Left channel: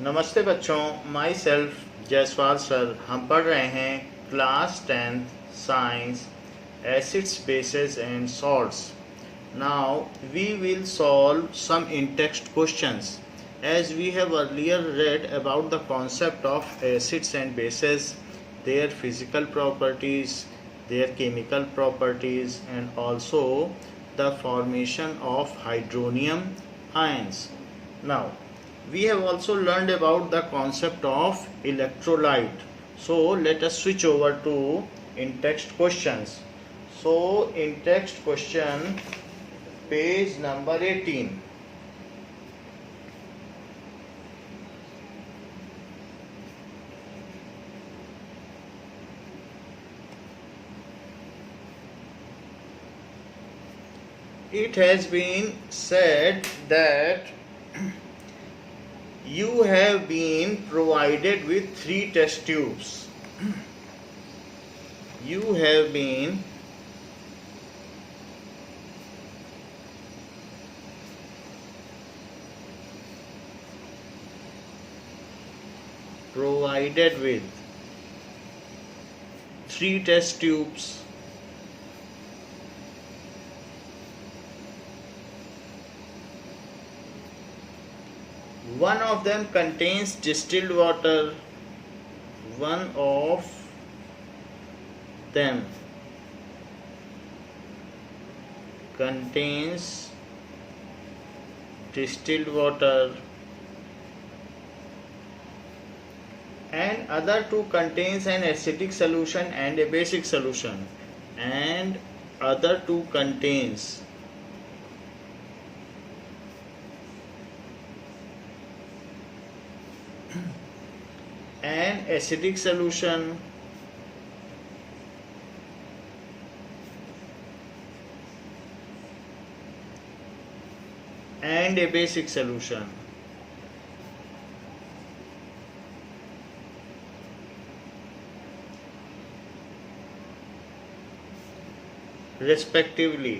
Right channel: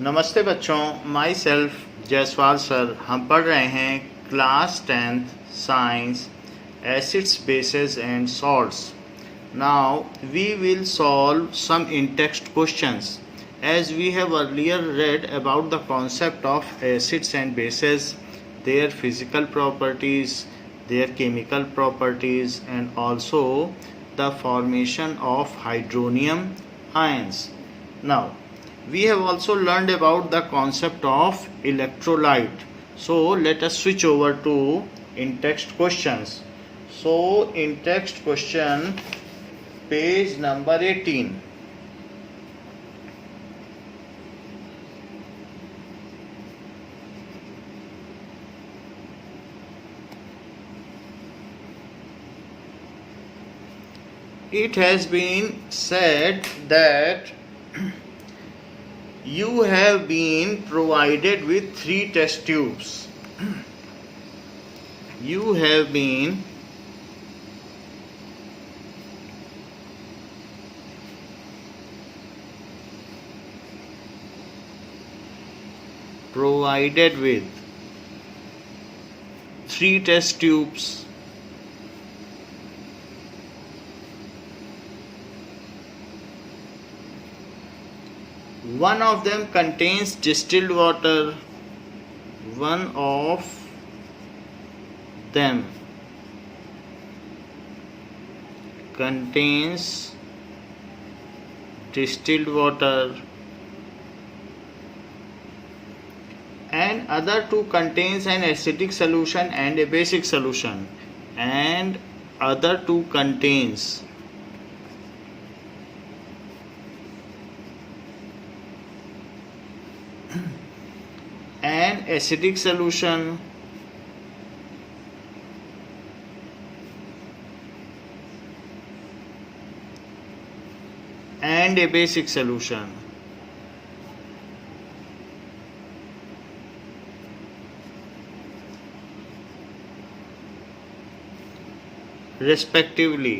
नमस्ते बच्चों, my self Jaiswal sir. हम पढ़ रहे हैं class 10th science acids bases and salts. Now we will solve some in text questions as we have earlier read about the concept of acids and bases, their physical properties, their chemical properties, and also the formation of hydronium ions. Now we have also learned about the concept of electrolyte. So let us switch over to in text questions. So in text question, page number 18. It has been said that you have been provided with 3 test tubes. You have been provided with 3 test tubes. One of them contains distilled water. One of them contains distilled water and other two contains an acidic solution and a basic solution, and other two contains an acidic solution and a basic solution. Respectively.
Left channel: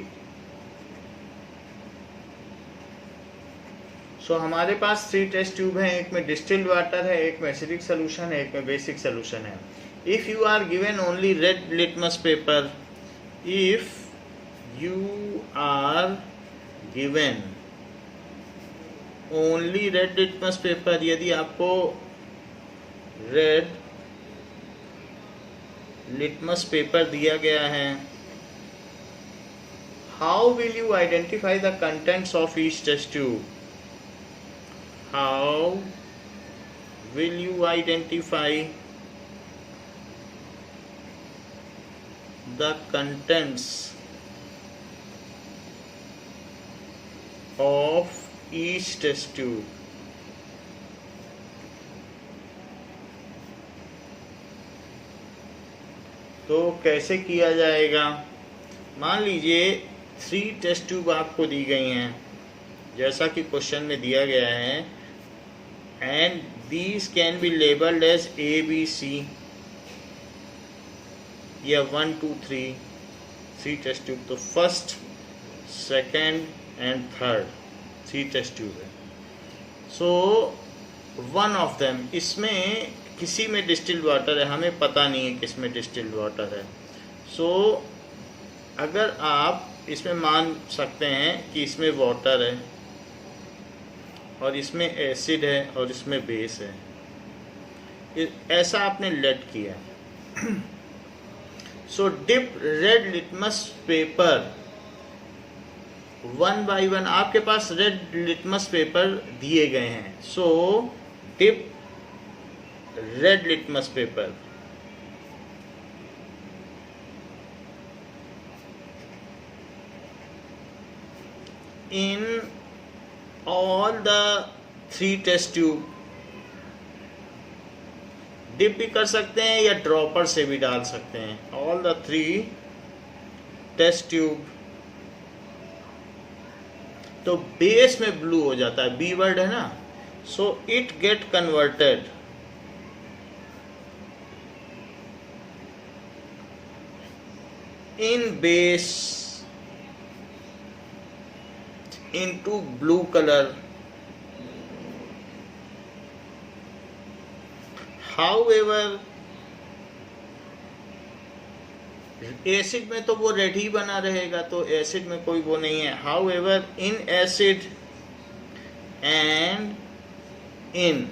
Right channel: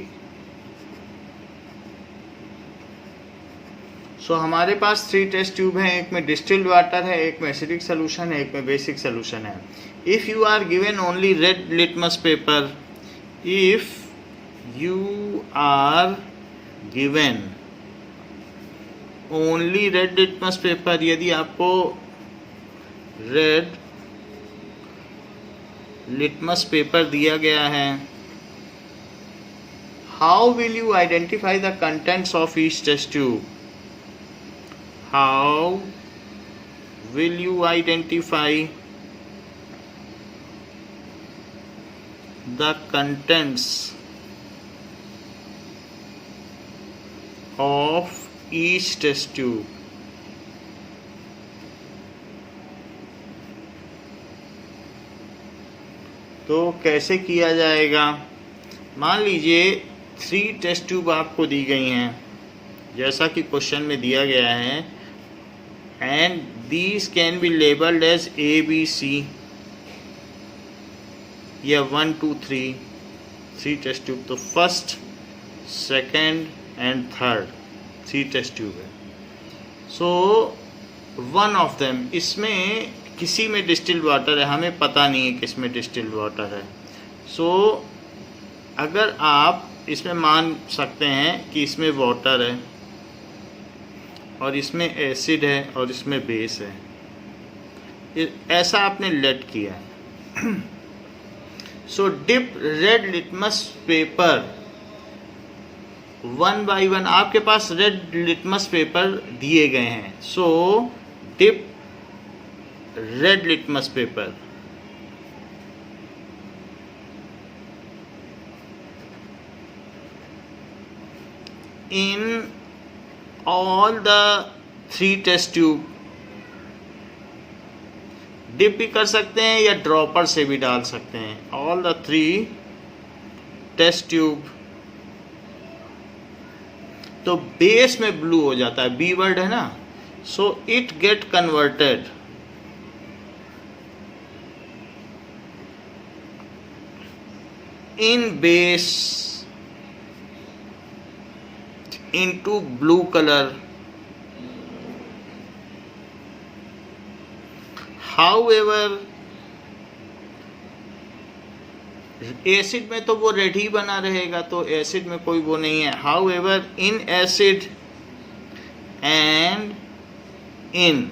सो हमारे पास 3 test tube हैं, एक में distilled water है, एक में acidic solution है, एक में बेसिक सोल्यूशन है. If you are given only red litmus paper, if you are given only red litmus paper, यदि आपको रेड लिटमस पेपर दिया गया है, how will you identify the contents of each test tube? How will you identify the contents of each test tube? तो कैसे किया जाएगा? मान लीजिए 3 टेस्ट ट्यूब आपको दी गई हैं, जैसा कि क्वेश्चन में दिया गया है, and these can be labeled as A, B, C या 1, 2, 3 टेस्ट ट्यूब. तो first, second and third 3 test tube है. सो वन ऑफ देम, इसमें किसी में डिस्टिल्ड वाटर है, हमें पता नहीं है किस में डिस्टिल्ड वाटर है. सो अगर आप इसमें मान सकते हैं कि इसमें वाटर है और इसमें एसिड है और इसमें बेस है, ऐसा आपने लेट किया है. So dip red litmus paper 1 by 1, आपके पास रेड लिटमस पेपर दिए गए हैं. So dip red litmus paper in all the 3 test tube. Dip भी कर सकते हैं या ड्रॉपर से भी डाल सकते हैं. All the 3 test tube. तो बेस में ब्लू हो जाता है, बी वर्ड है ना, so it get converted in base into blue color however acid में तो वो रेड ही बना रहेगा, तो एसिड में कोई वो नहीं है. However in acid and in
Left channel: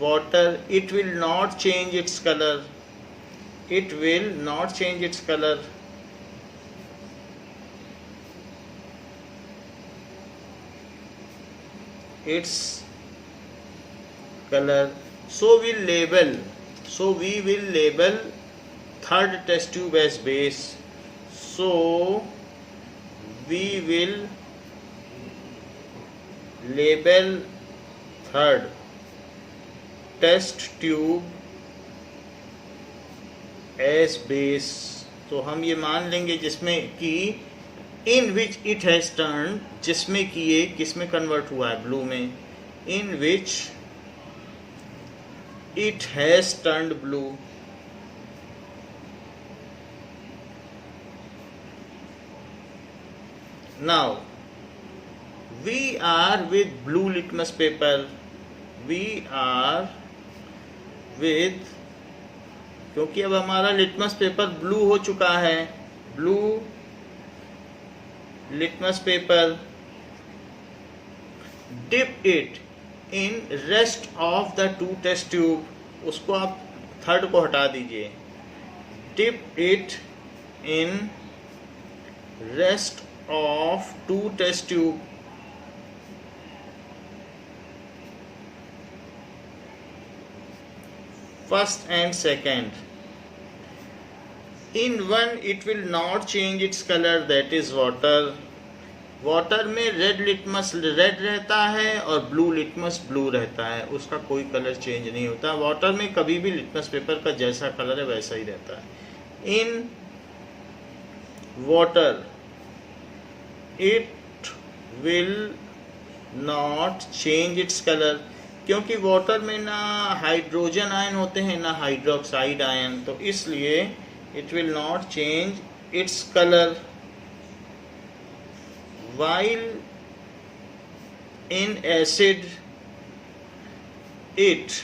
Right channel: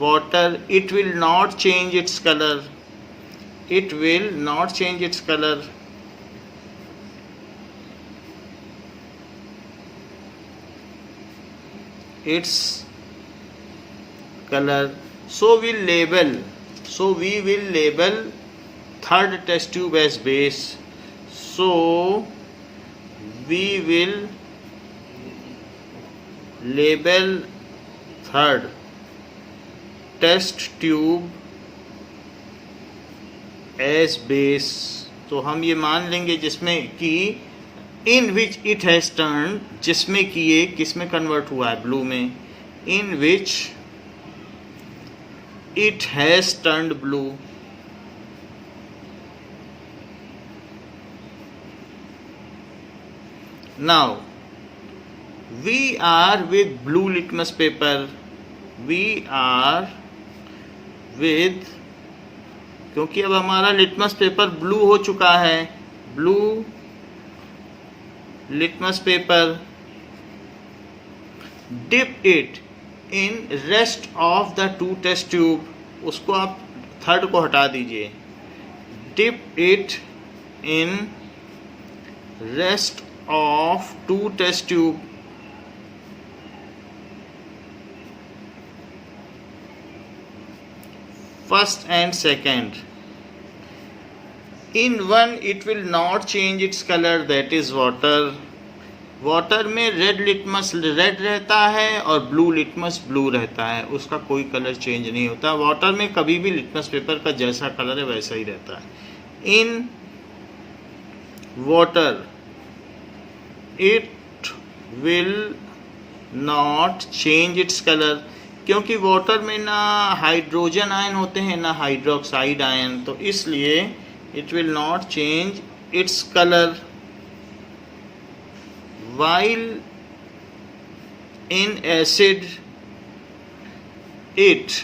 water it will not change its color. It will not change its color. Its color. So we will label third test tube as base. So we will label third test tube as base. तो हम ये मान लेंगे जिसमें कि in which it has turn, जिसमें कि ये किस में कन्वर्ट हुआ है, ब्लू में. In which it has turned blue. Now we are with blue litmus paper. We are with, क्योंकि अब हमारा लिटमस पेपर ब्लू हो चुका है, blue litmus paper. Dip it in rest of the two test tube. उसको आप third को हटा दीजिए. Dip it in rest of two test tube. First and second. In one it will not change its color, that is water. Water में red litmus red रहता है और blue litmus blue रहता है, उसका कोई कलर चेंज नहीं होता. वाटर में कभी भी लिटमस पेपर का जैसा कलर है वैसा ही रहता है. In water it will not change its colour. क्योंकि वाटर में ना हाइड्रोजन आयन होते हैं ना हाइड्रोक्साइड आयन, तो इसलिए it will not change its colour. while in acid it